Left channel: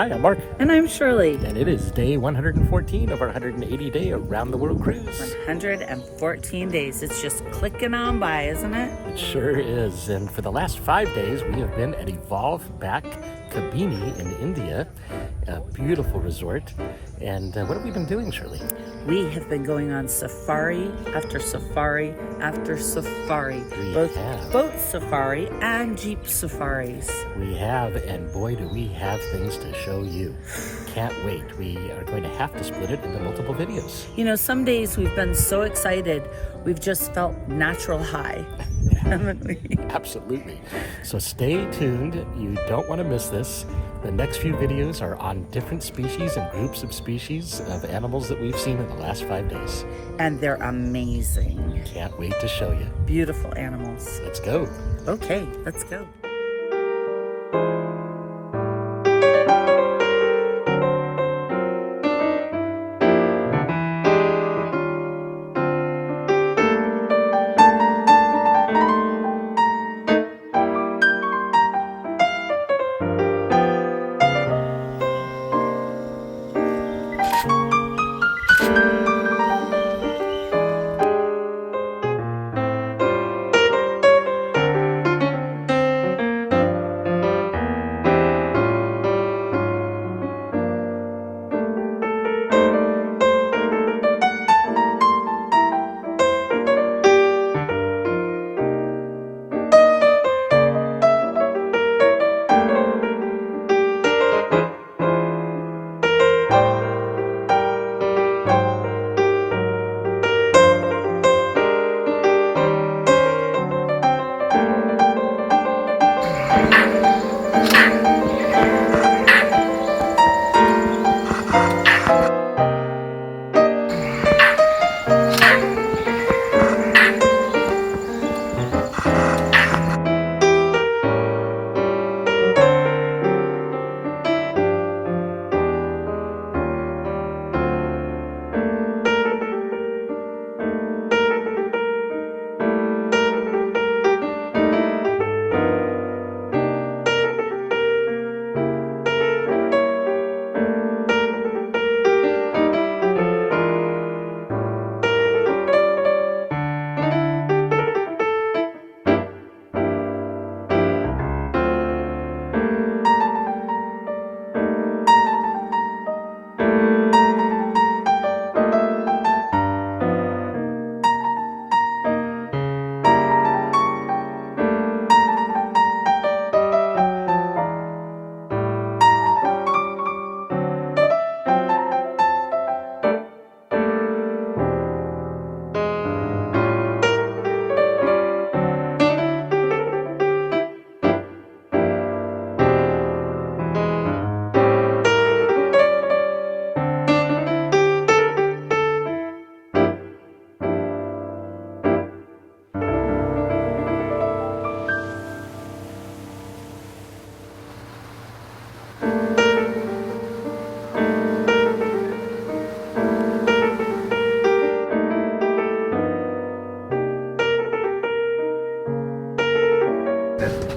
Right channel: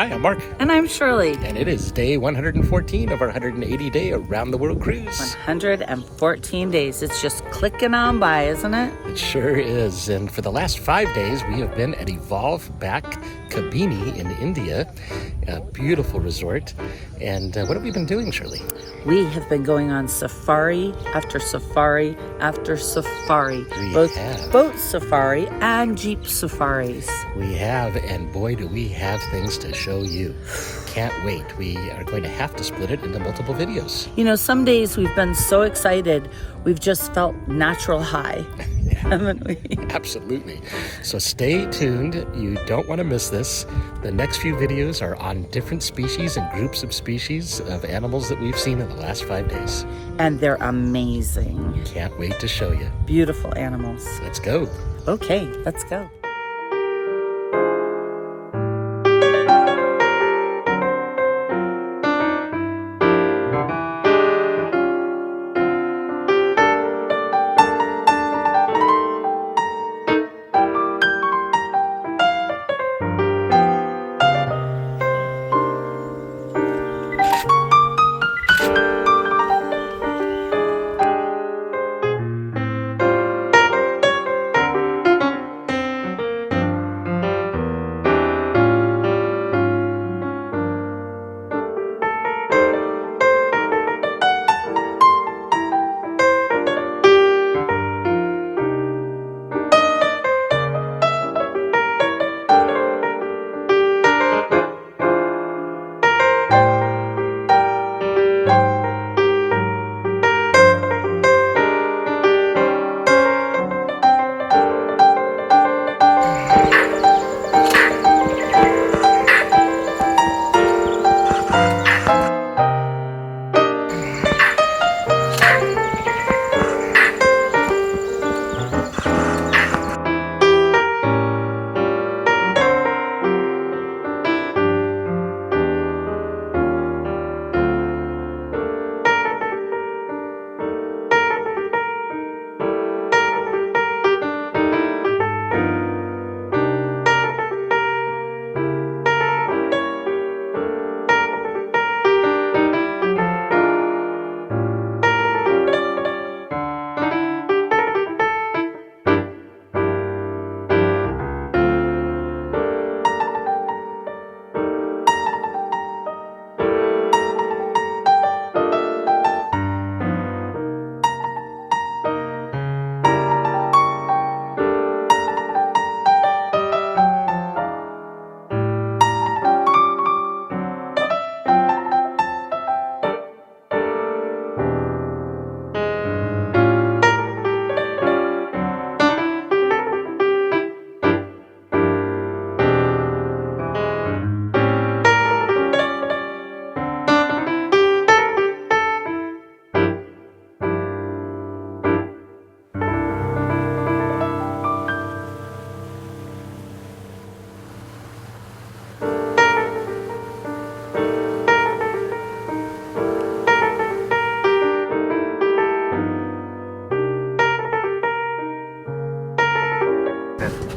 Hi, I'm Mark. And I'm Shirley. And it is day 114 of our 180-day around-the-world cruise. 114 days. It's just clicking on by, isn't it? It sure is. And for the last 5 days, we have been at Evolve back Kabini in India, a beautiful resort. And what have we been doing, Shirley? We have been going on safari after safari after safari. We have. Boat safari and jeep safaris. We have, and boy, do we have things to show you. Can't wait. We are going to have to split it into multiple videos. You know, some days we've been so excited, we've just felt natural high. Yeah, haven't we? Absolutely. So stay tuned. You don't want to miss this. The next few videos are on different species and groups of species of animals that we've seen in the last 5 days. And they're amazing. Can't wait to show you. Beautiful animals. Let's go. Okay, let's go.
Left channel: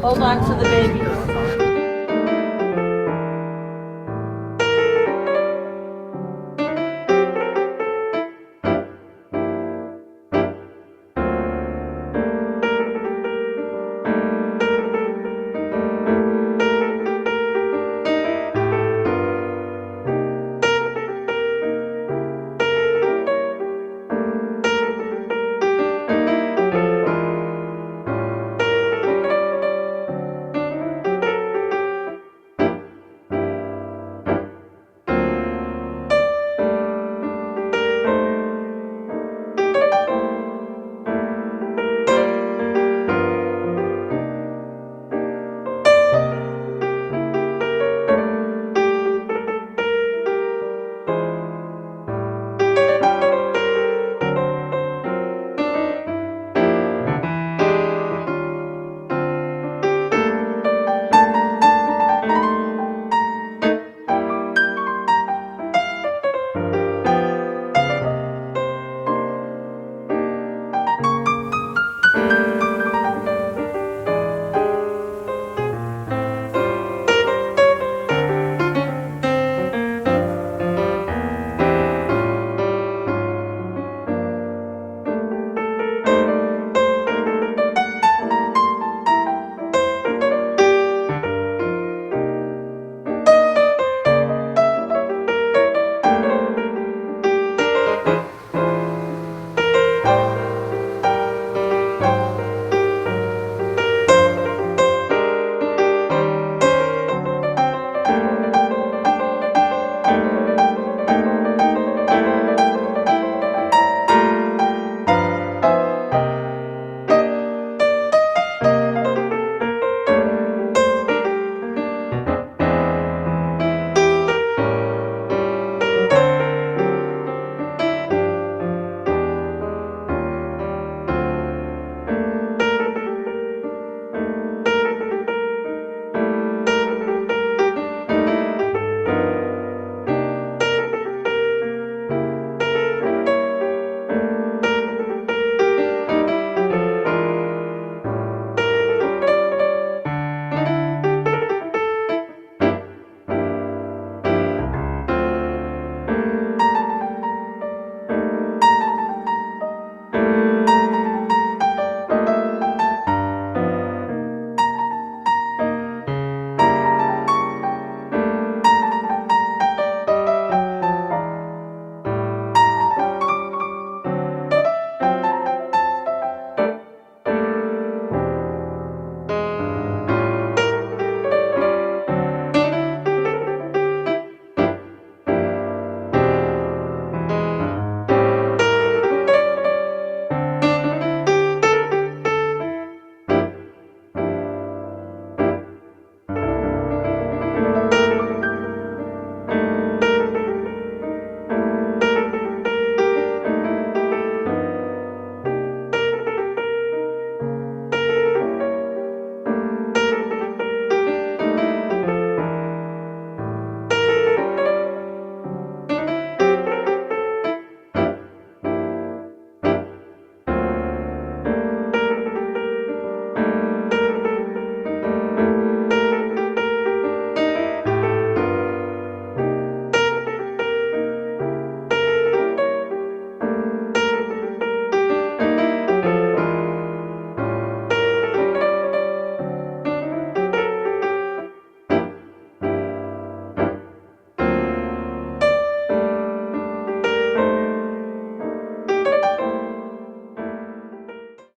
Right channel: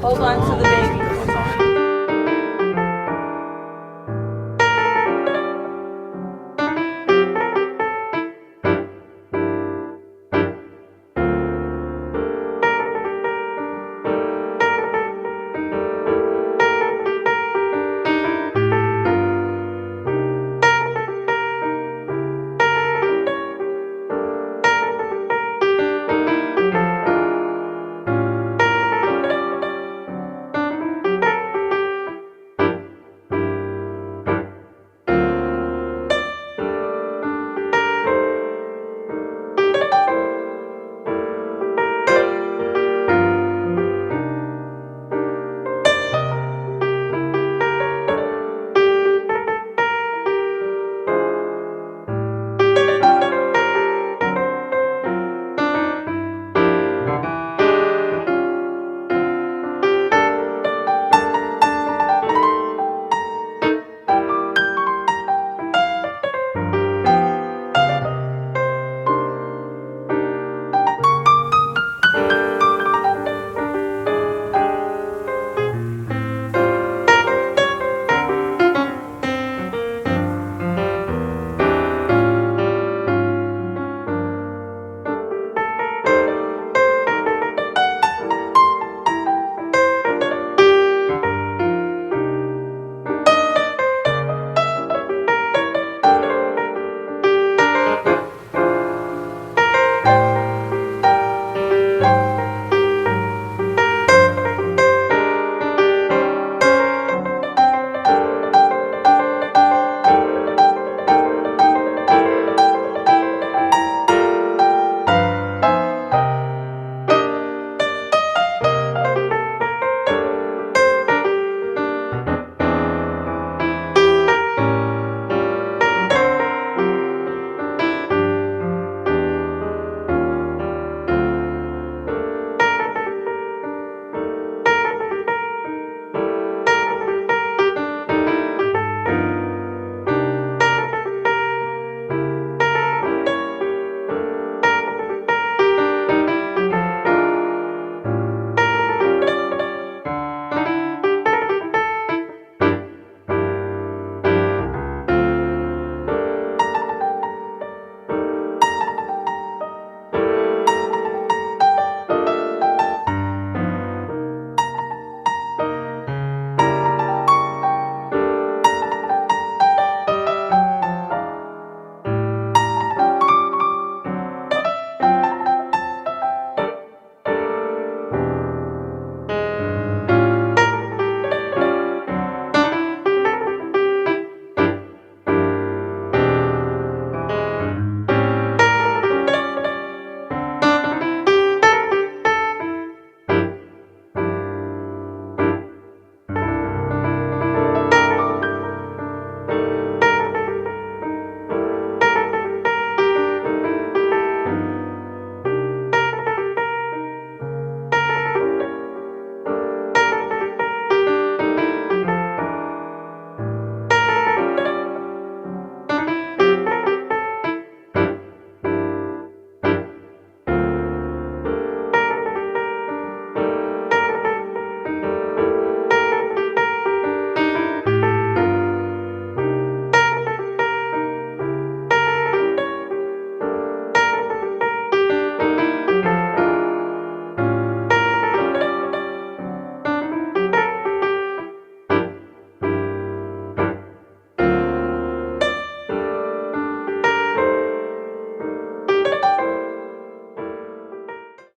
Hold on to the baby.